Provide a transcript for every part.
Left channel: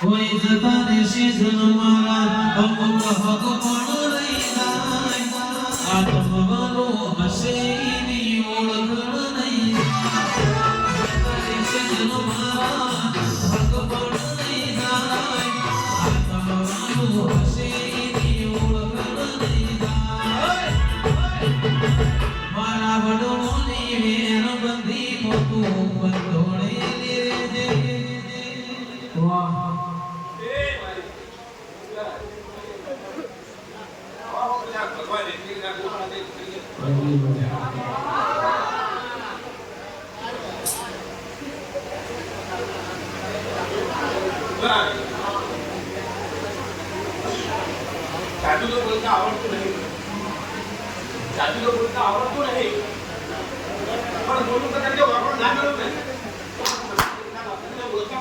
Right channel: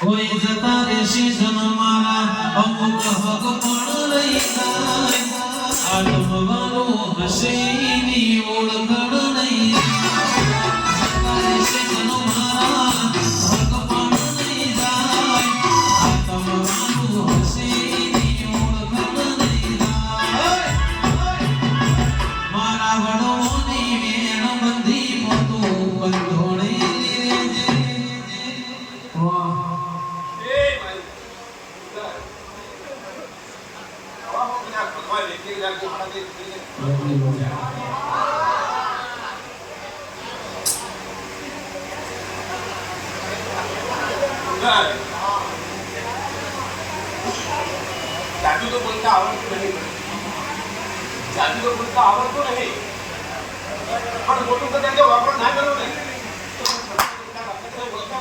કોઈ જતા રેશી જન્મારા અમુક હક પણ રહી જાય આત્મવાલો હશે ની ઓળખણ નહીં જતા રેશી જન્મારા હક પણ રહી જાય આત્મવાલો હશે ની ઓળખણ નહીં જાય મારા વડમોની વેણ બંધી મતું બંધોળે લેજે વાહ जादू तो बोलता आवडतो नाही जादू तो बोलता आवडतो नाही पण बोलून तर त्यांच्या वापर झालेलो नाही बोलता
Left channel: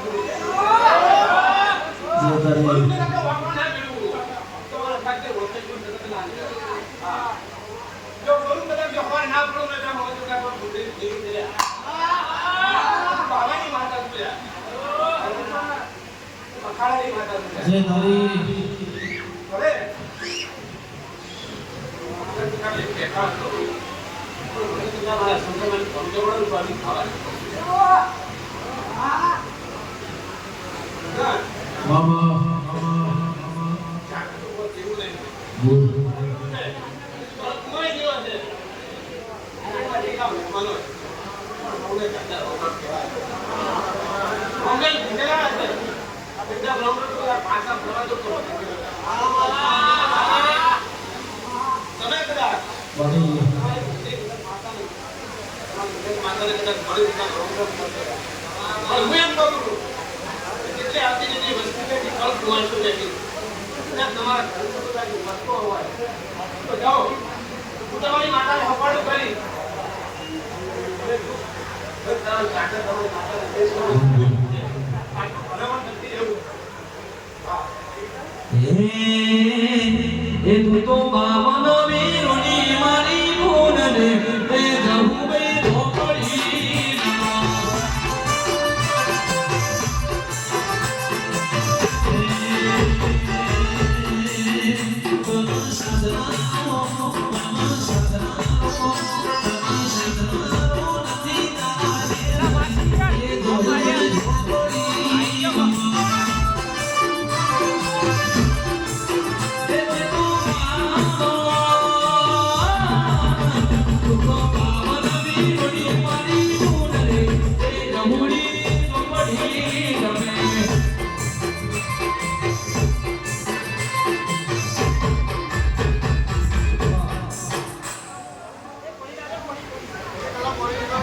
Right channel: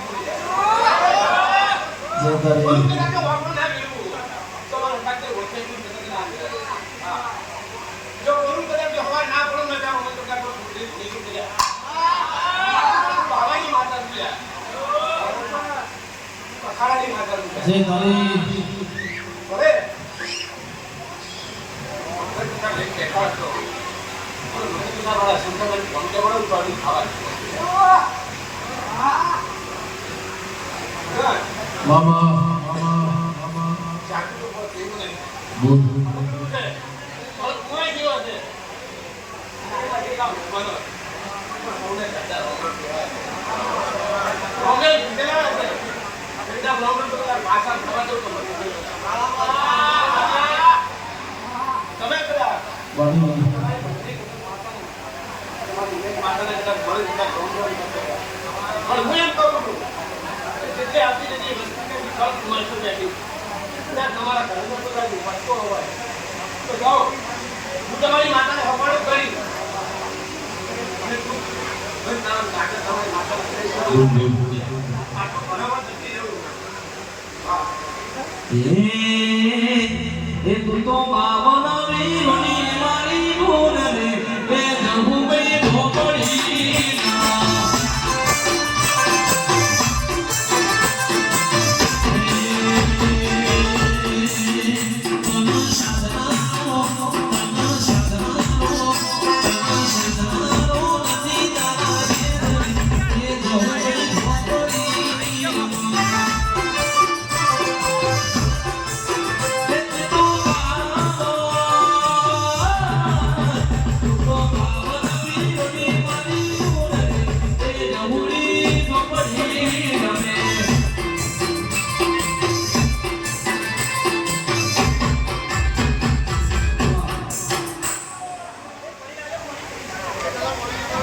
Thank you.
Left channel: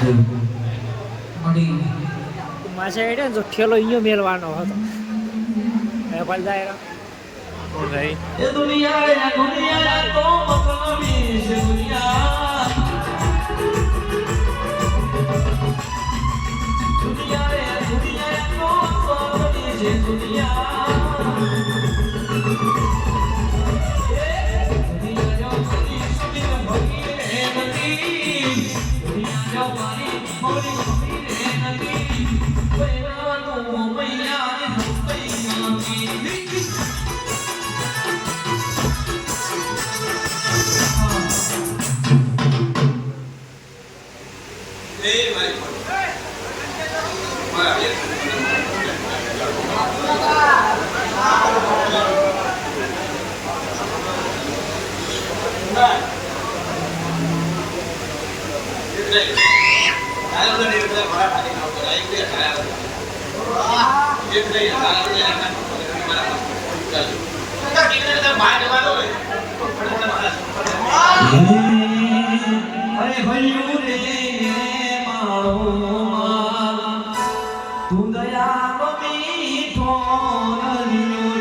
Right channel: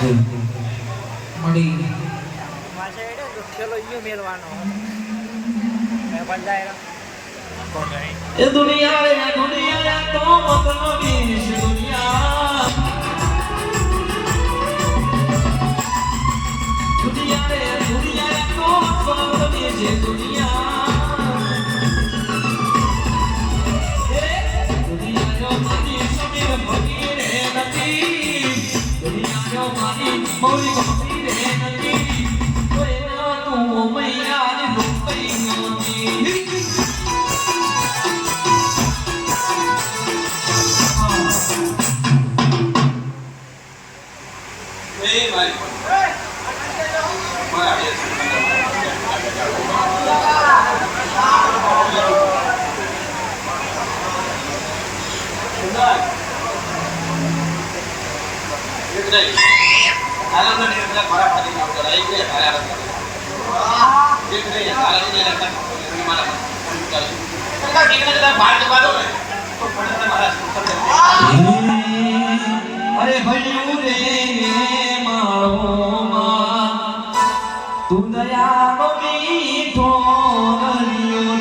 મળી માસે એટલે જો ઠેલો ઈયો મેલવાનો હતો એ પણ જાય કોણ જાય એ દુનિયા તો મતલબી છે દુનિયા તો મતલબી છે દુનિયા દુનિયા મારી સખી ભગી રે નથી દુનિયા મારી મોરી ભગી રે નથી કોઈ ના તું મૈયા ની ભૂપઈ નથી અરે હરિયું રે મારો માં તું દયાનો મીઠો હરિયો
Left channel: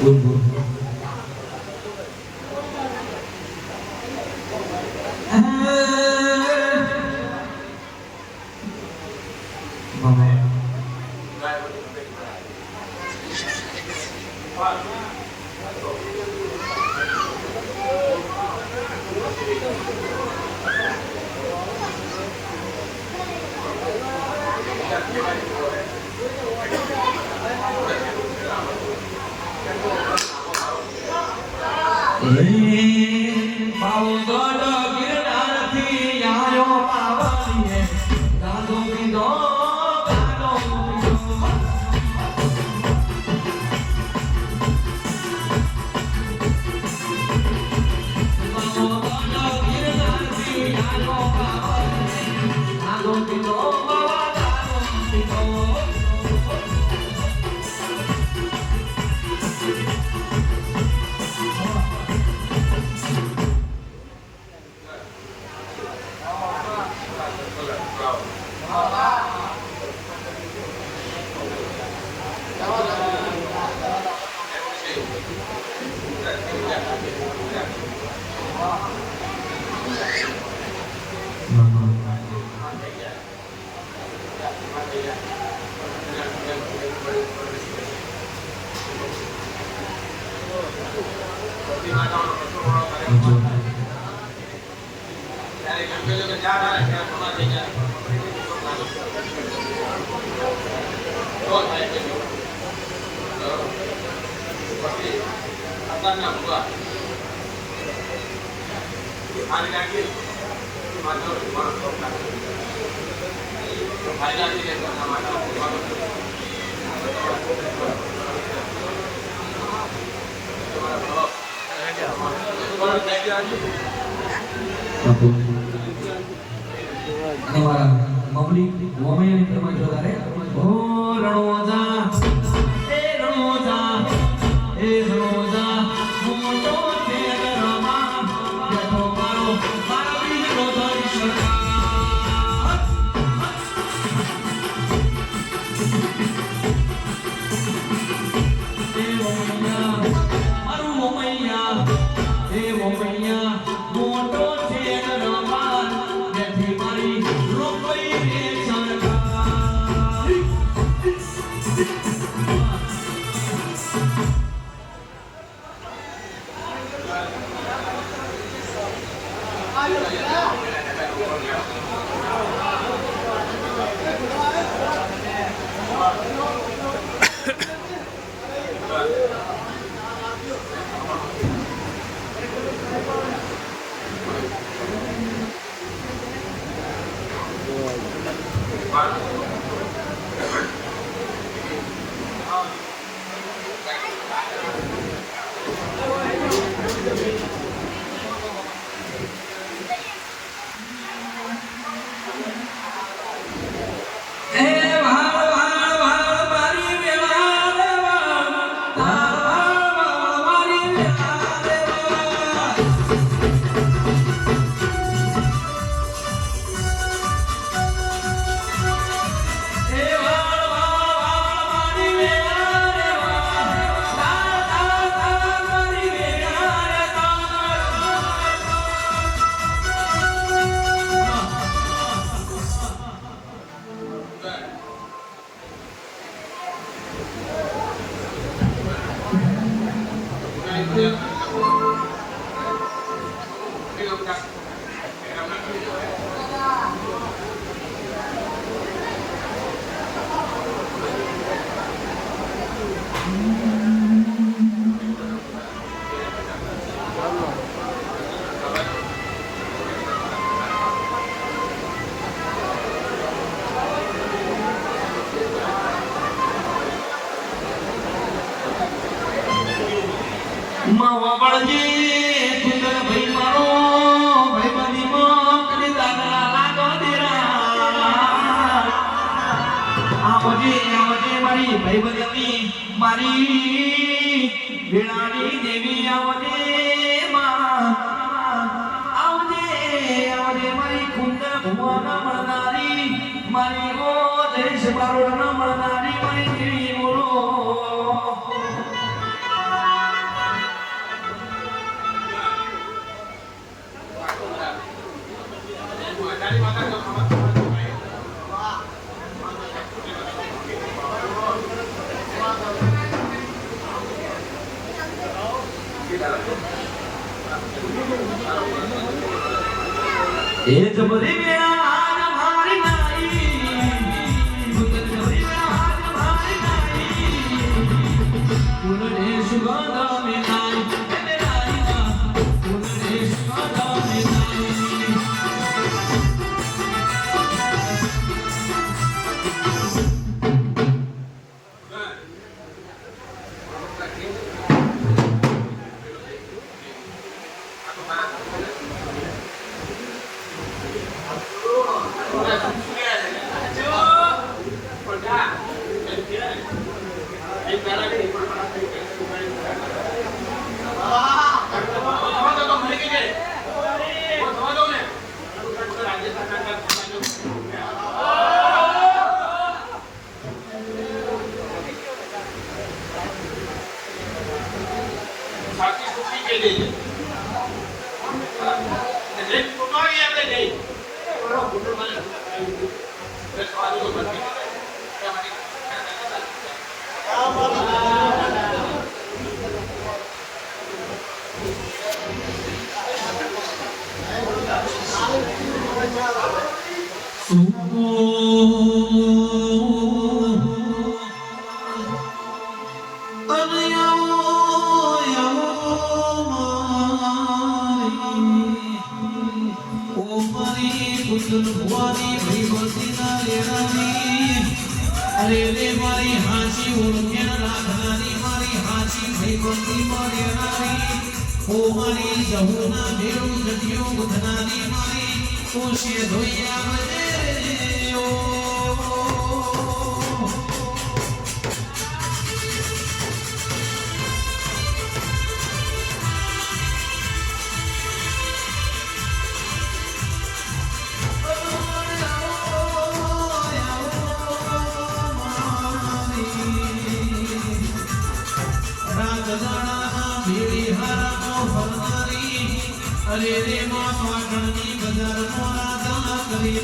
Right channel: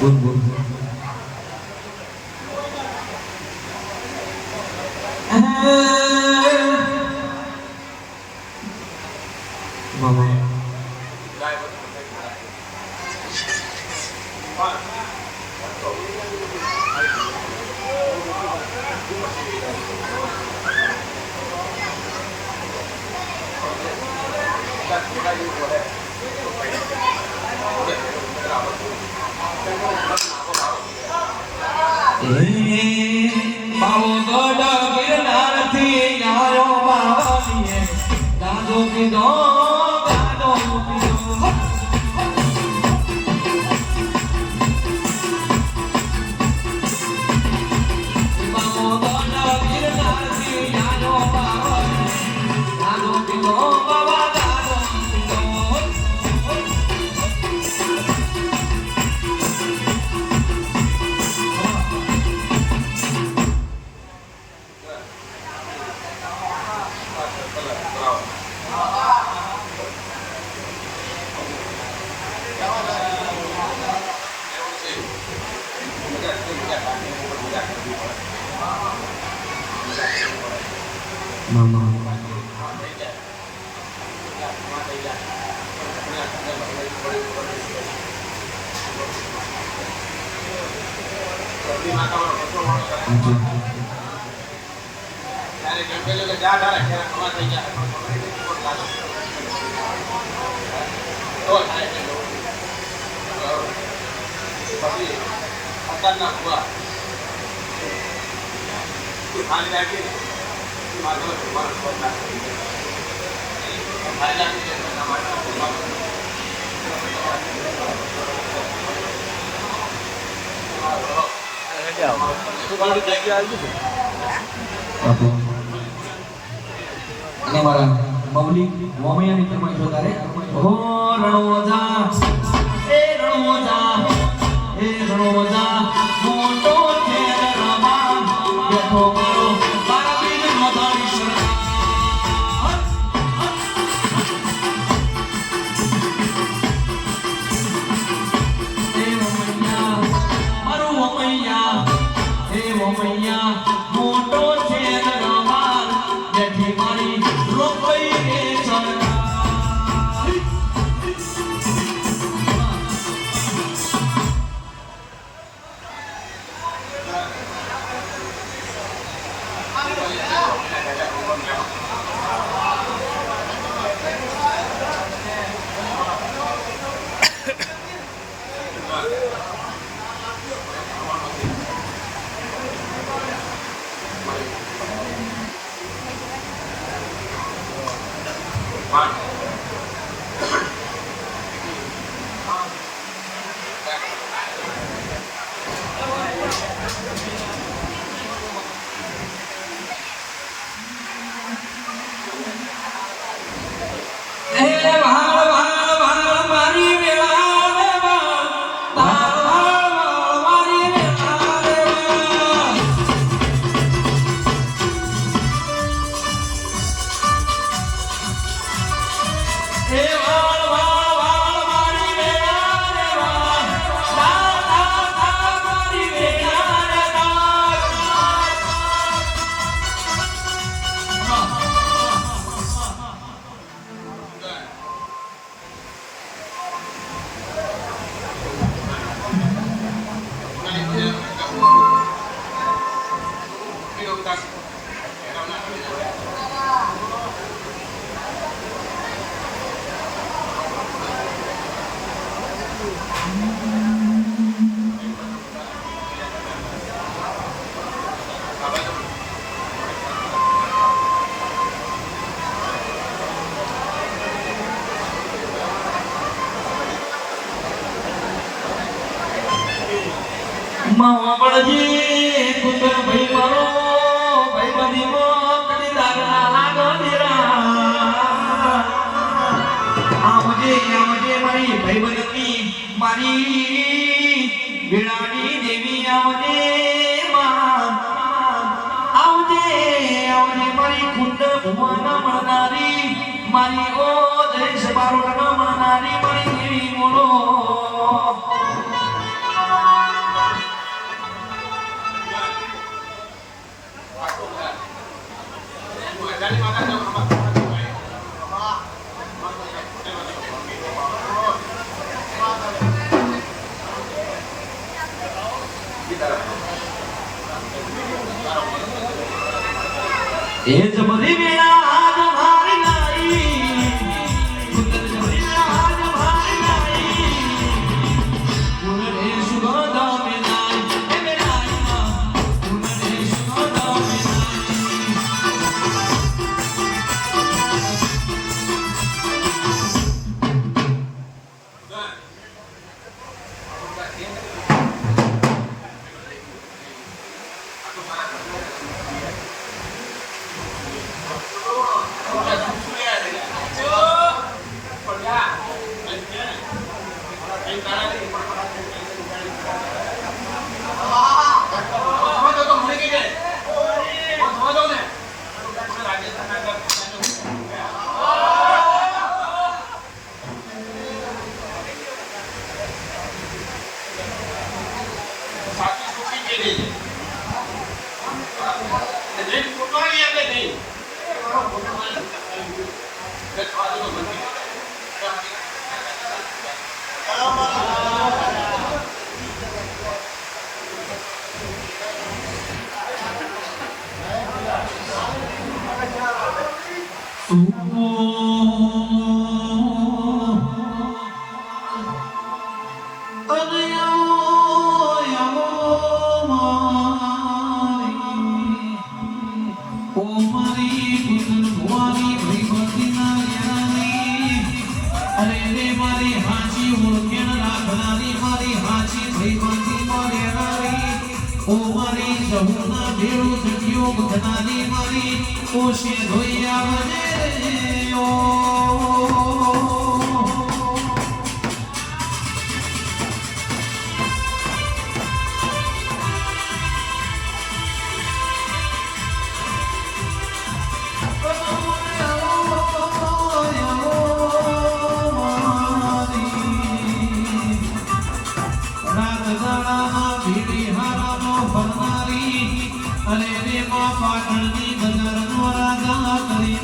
બોલ બોલ અને વાળા બબલી મોમૈયાની ફરમાઈશ વધારે ઓ રણોજા એ રણોજા મોટો છે રણમાં બેઠો મારો મારા બીજનો ધણી એ ભાળ ભાળ ભાળ મારી વેળા રે ભાળ ભાળ ભાળ મારી વેળા રે ભાળ એ ભાળ ભાળ ભાળ મારી વેળા રે ભાળ ભાળ ભાળ ભાળ મારી વેળા રે ભાળ માવળજી કુંદર ભાઈ મારો ભાઈ બની માં કદી દાગના લાગદેરા આવજે આવજે મારી ભાઈ બની મારી વેળાની દેવી આવજે માં આવજે આવજે મારી કુંદર ભુવના મળનારી મારી ઓ જય સબારોડના મળનારી મારી દેવી બોલો એ જબરી વેળા આજ મારી નારી કુંદર જબરી વેળા આજ મારી નારી કુંદરે સુગંધા મેનાઈ એ મેનાઈ માં કુંદરે સુગંધા મેનાઈ કોશે ધોઈ આવજે ઓ અરે રે માં પાટણની બજારનો રાજા કરી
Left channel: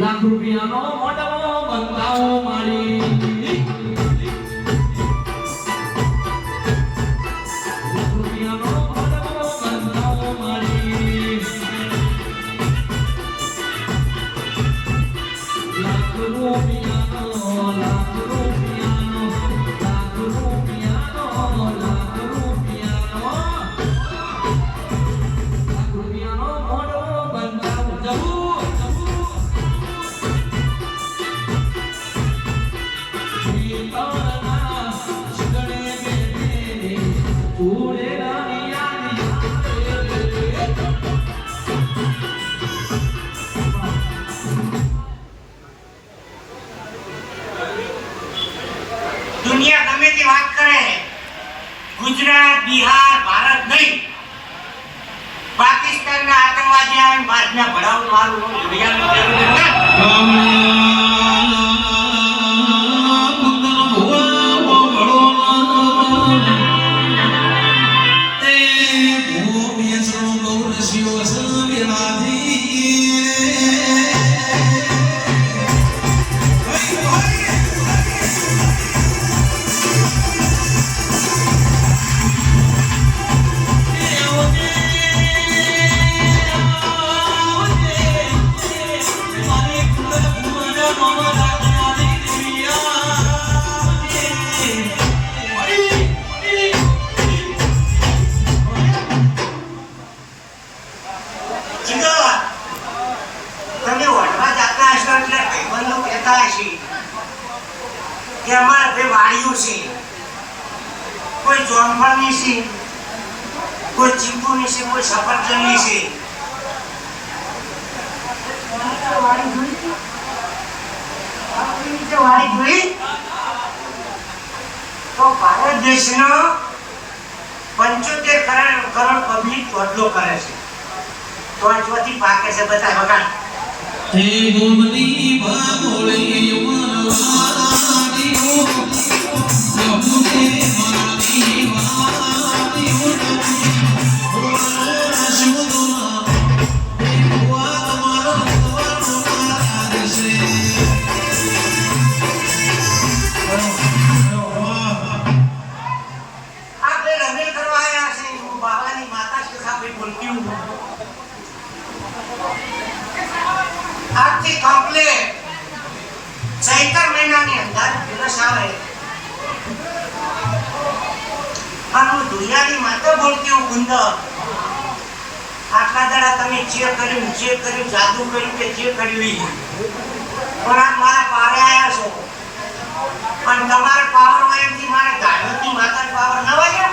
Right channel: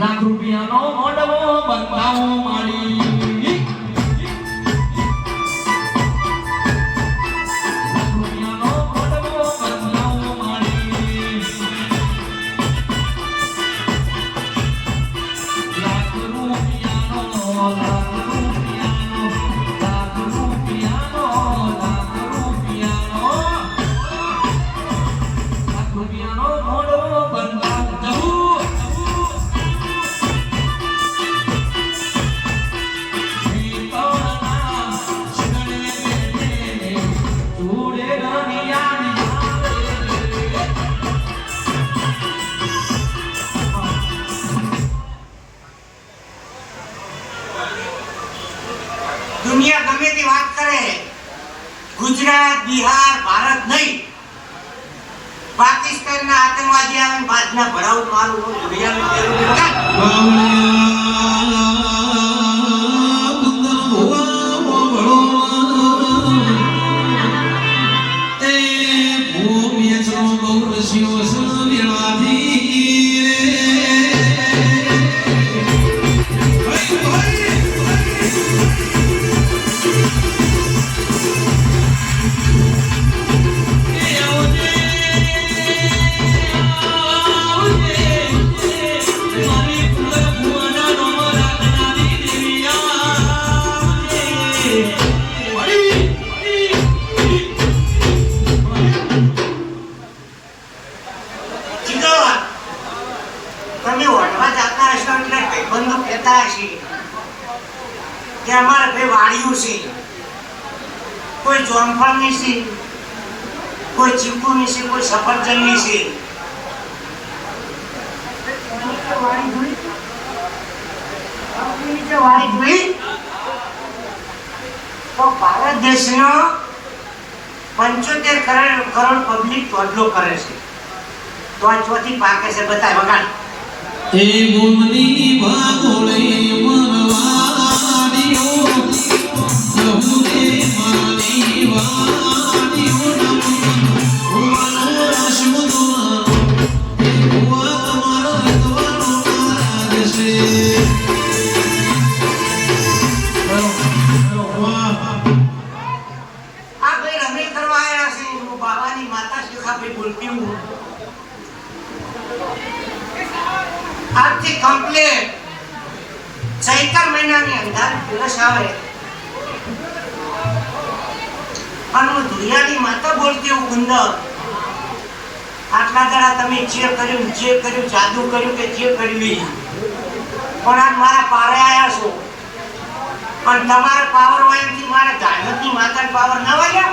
લાખ રૂપિયાનો મોઢવો બંધાવો મારી લાખ રૂપિયાનો મોઢવો બંધાવો મારી લાખ રૂપિયાનો લાખ રૂપિયાનો લાખ રૂપિયાનો લાખ રૂપિયાનો લાખ રૂપિયાનો મોઢવો બંધાવો જવું દુનિયા ગમે તે વાત કરે ગુજરાત બિહાર ભારત નહીં પાકિસ્તાન ના આતંકવાદી આવે બાદના ભરાવ મારું કે અમારા બે વાડીઓ છે કોઈ જોમફળની છે કોઈ ચીકુની છે કોઈ સફરજનની છે વાડી જોઈ તો ભારત દેશનો 75 કરોડ પબ્લિક ચોટલો કરે છે તો આ ચોથી પાકે છે બધા વગર તે ગુમની બાગોળી મનવાડીઓ ગમુને મારી વાડીઓ ઓરા શુમા એ ભુવા તમારો તમારા દેશે આ બે રમે કરવા આવ્યા છે બાબાની માતા શું આપણે બોલતી આજથી કમ્પ્લેટ ચૈત્ર મહિનાની અંદર દિવસ આવે આનું દુનિયાની માતા બોલતી હું ગુંદર આટલા દાડા તમે જે કર્યું જાદુ કર્યું કે જે કર્યું પણ આ મારા પારે આવ્યા છો પણ તમારા પાવર હોય એમથી મારે ધાર્મિકની માતા પાવર ના હોય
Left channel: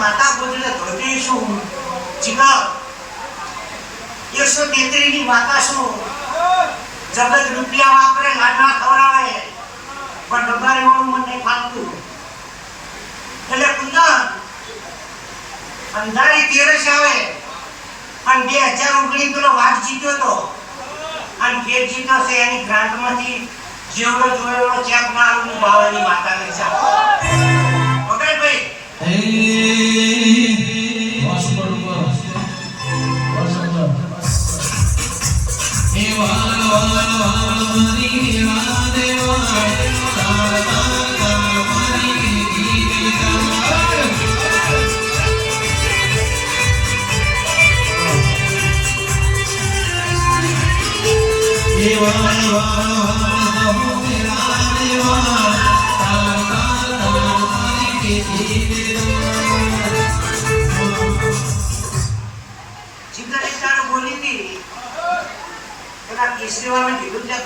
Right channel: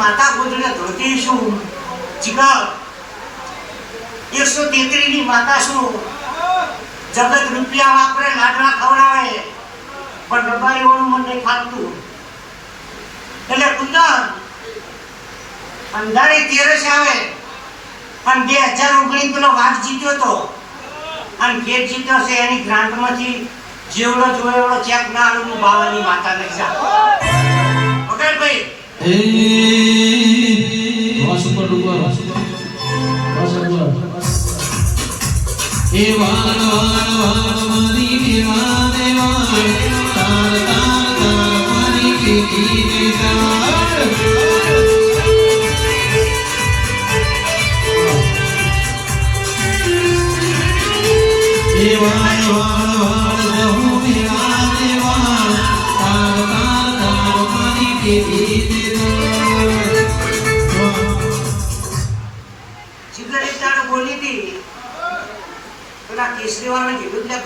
માતા ગોદને ધોતી શું જીગર 133 ની માતા શું જગત રૂપિયા વાપરે લાડવા ખવડાવે પણ રબારી ઓનું મને ફાલતું એટલે કુંદર અંધારે 13 આવે અને 2019 પેલો વાઘ જીત્યો તો અને જે જીત્યો છે એની ગ્રાન્ટમાંથી જેવડો જોયેલો ચેક ના આવું બાવાની માતા લઈ જા ઓકે ભાઈ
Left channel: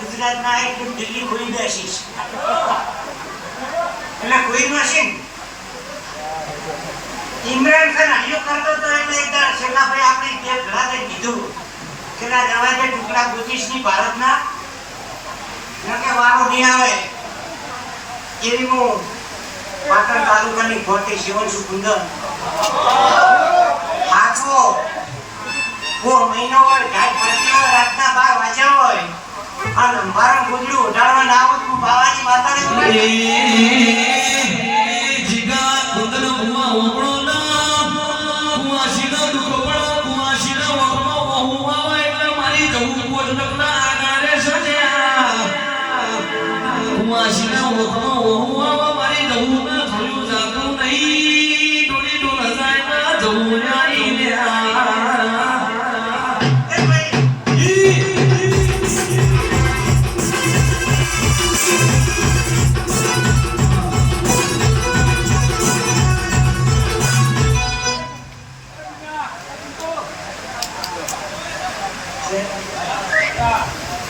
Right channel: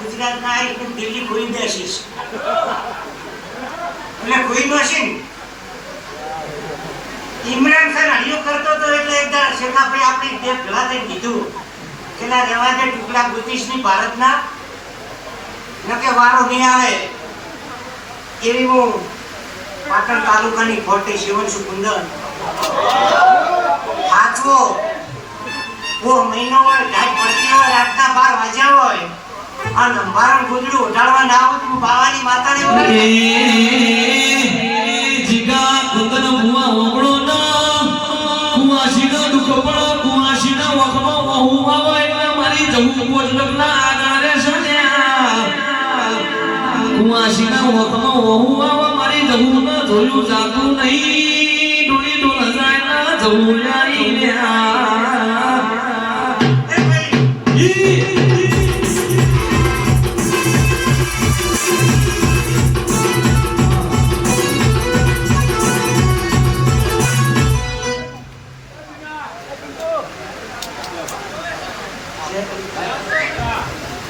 ગુજરાત ના દિલ્હી કોઈ દેશીશ એટલે કોઈ મશીન ઇમરાન ખાન હરિયો કરતો તો એટલે એક દાડ શેખાભાઈ આપણે બે ભેગા થઈ કીધું એના જવા દે ટુકડા બ્રિટિશની ભારતના નકે વારો નહીં આવે એવી હું પાટણ તાલુકાની ખોટી શિવનસુ કુંદર આખો વો મહિનો હોય ઢાઈ પડતી હોય રાતના 12 વાગ્યા હોય અને મારું ગુંડલું ઉઠાડવા ના આવું તું બાવાની માતાને બોલાવી જીગા ખુદનો હુઆ ઓગળો ના કુવાસીનો દુખપણ કુવાસીનો વગનો બહુ આવે એટલે મારી જમુ પોતના આગળ રે સણ્યા કુવાસીનો વગનો બહુ આવે મારી જમુ ના જોયું જાતું નહીં ડોળી ડોળ જાય ના જમુ નાઈ ને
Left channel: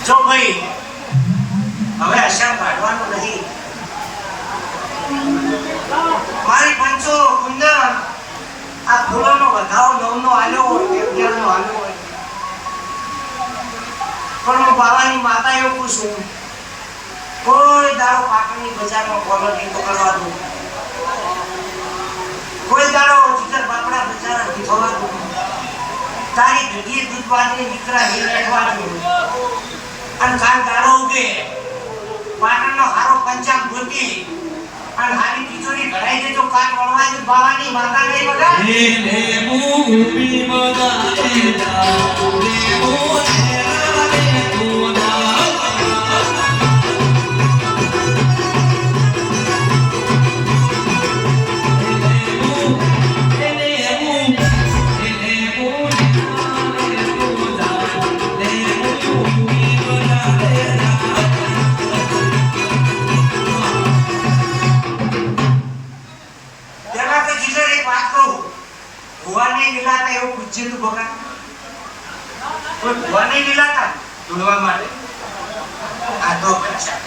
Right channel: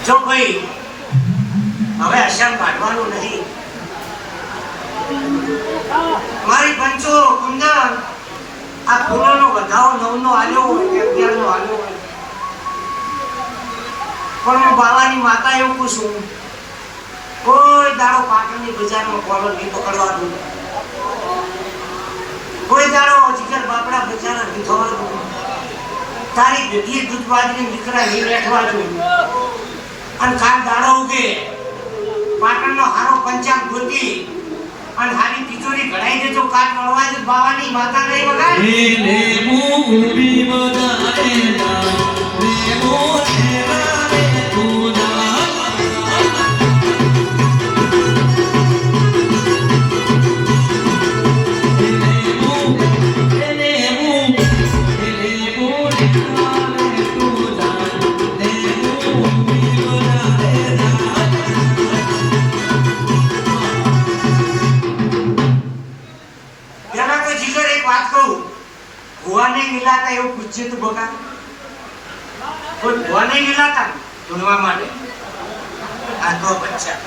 જો ભાઈ હવે અસર પાડવાનું નથી મારી પંચો કુંદર આ ફૂલોનો વધાવો 9નો આલ્યો 11નો આલ્યો પણ હું બાવાની માતા એવું પૂછું કોઈ દાડો પાટણની બજારમાં કોલો નહીં પકડવા દઉં કોઈ દાડો જીગર બાપડા બજાર દીધવા દઉં તારી ભેગી દૂધવાદની નીકળા નહીં બેઠવા દઉં અને કાલ દાડો ઉગે પાટણનો હારો પંચાબ ગોતી અને હારી પિચોરી ઘડાઈ દેજો કાલ મળવા જ બાવાની માતા નહીં વગાડ લે મૂવી બગાડે જા લે મૂવી તું પૂછ્યું તું બકા કોઈ ભવાની લીલાતા ઢૂંઢવા માટે આ તો બચ્ચા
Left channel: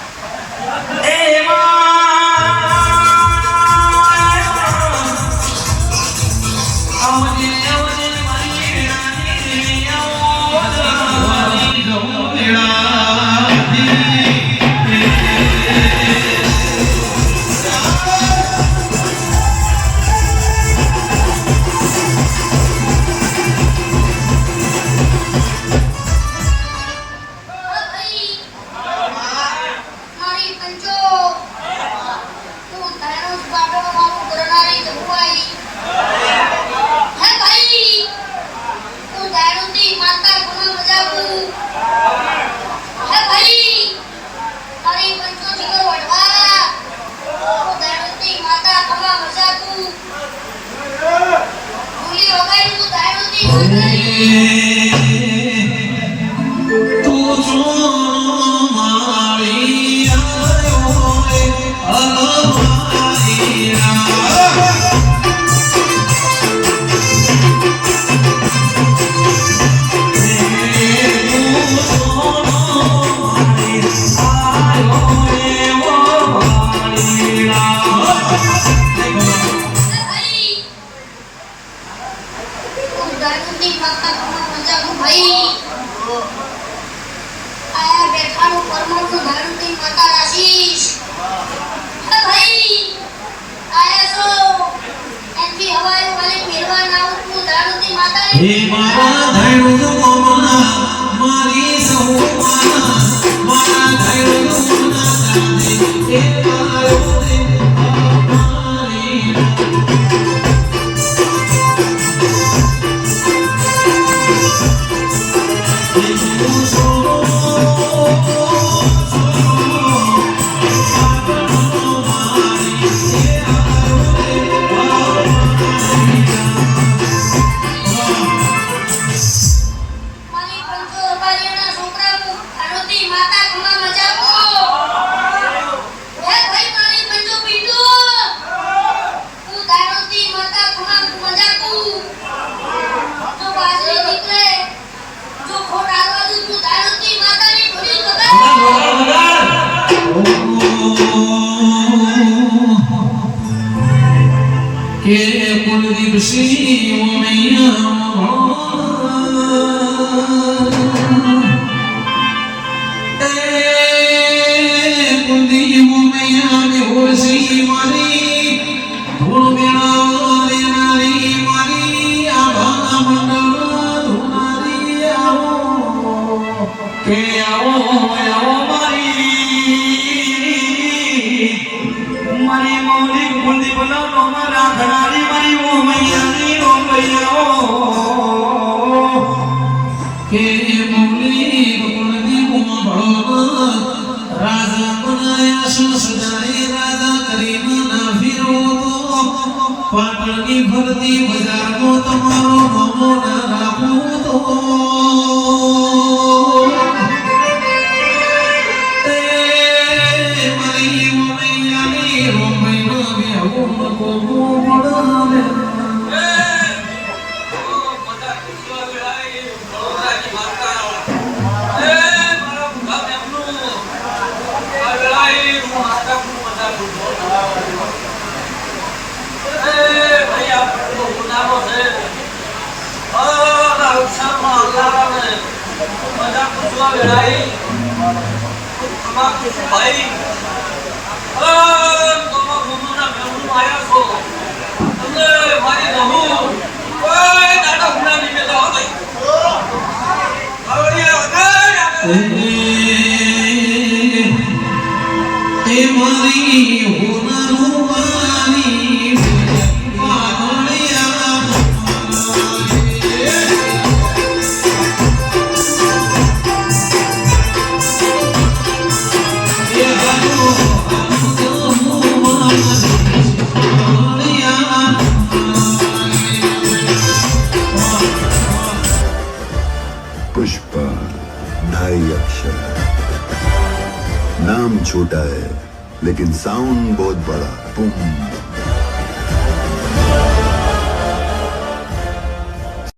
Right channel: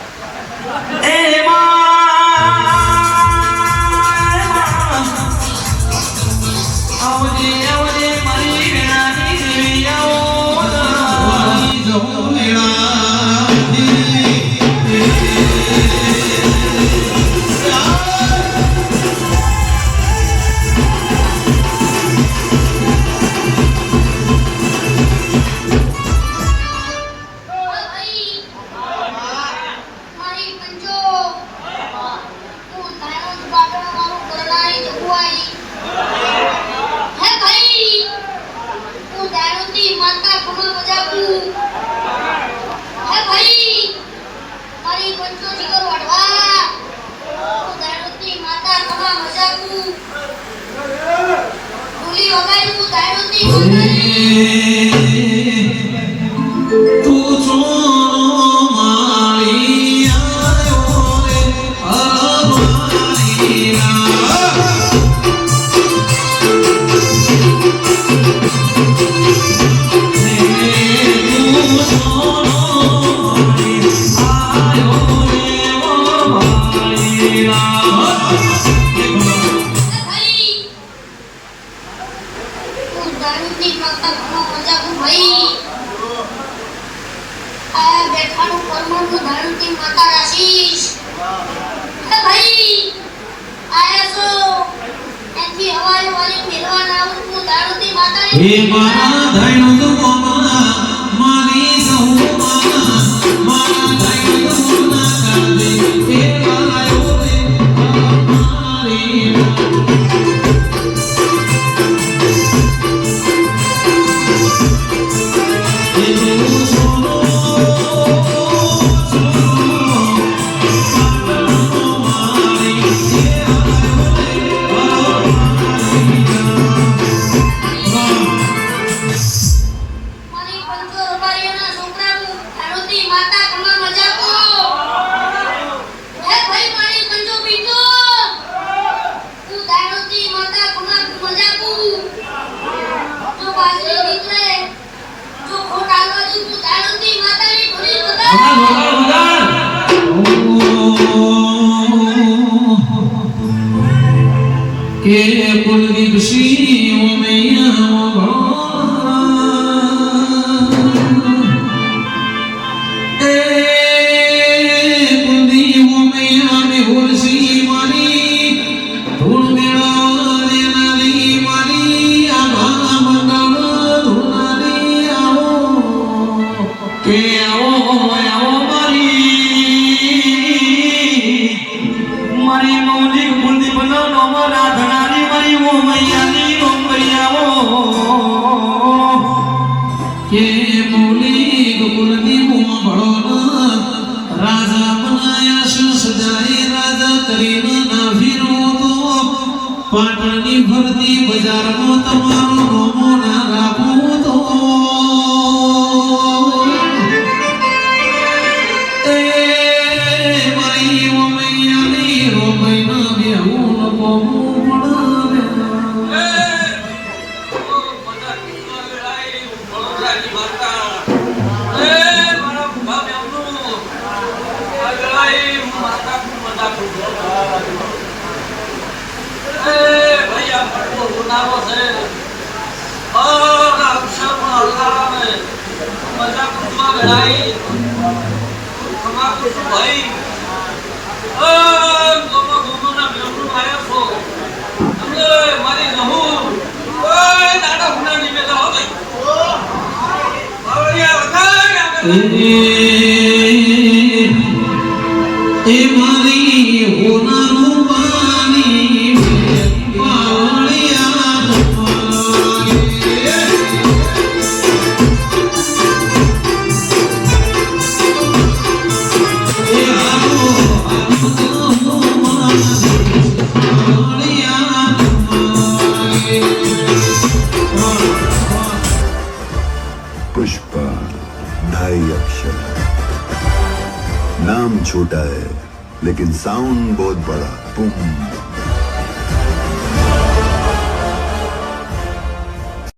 हे बाबा धैर्य बाबा मारी सहुमाना मारा धैर्य ना करदे ए आयो दे के कुलदीप सिंह मैया કે આવો મારી મૌલિક બુંદી બનાવનો મારા ઘણાની મારી ઓ મૈયાની ઓ મૈયાઓ કે મૌલિક બુંદી મોઢો રાજા બનાયા શું સજાઈ રાજા કરીને ના ફીરો તો પાટણની ભરતી બજારમાં તમારો નમો ના રાખું તો पुष्पा 2.5 अक्षर नाम छोटा है लेकिन साउंड बहुत बड़ा पुम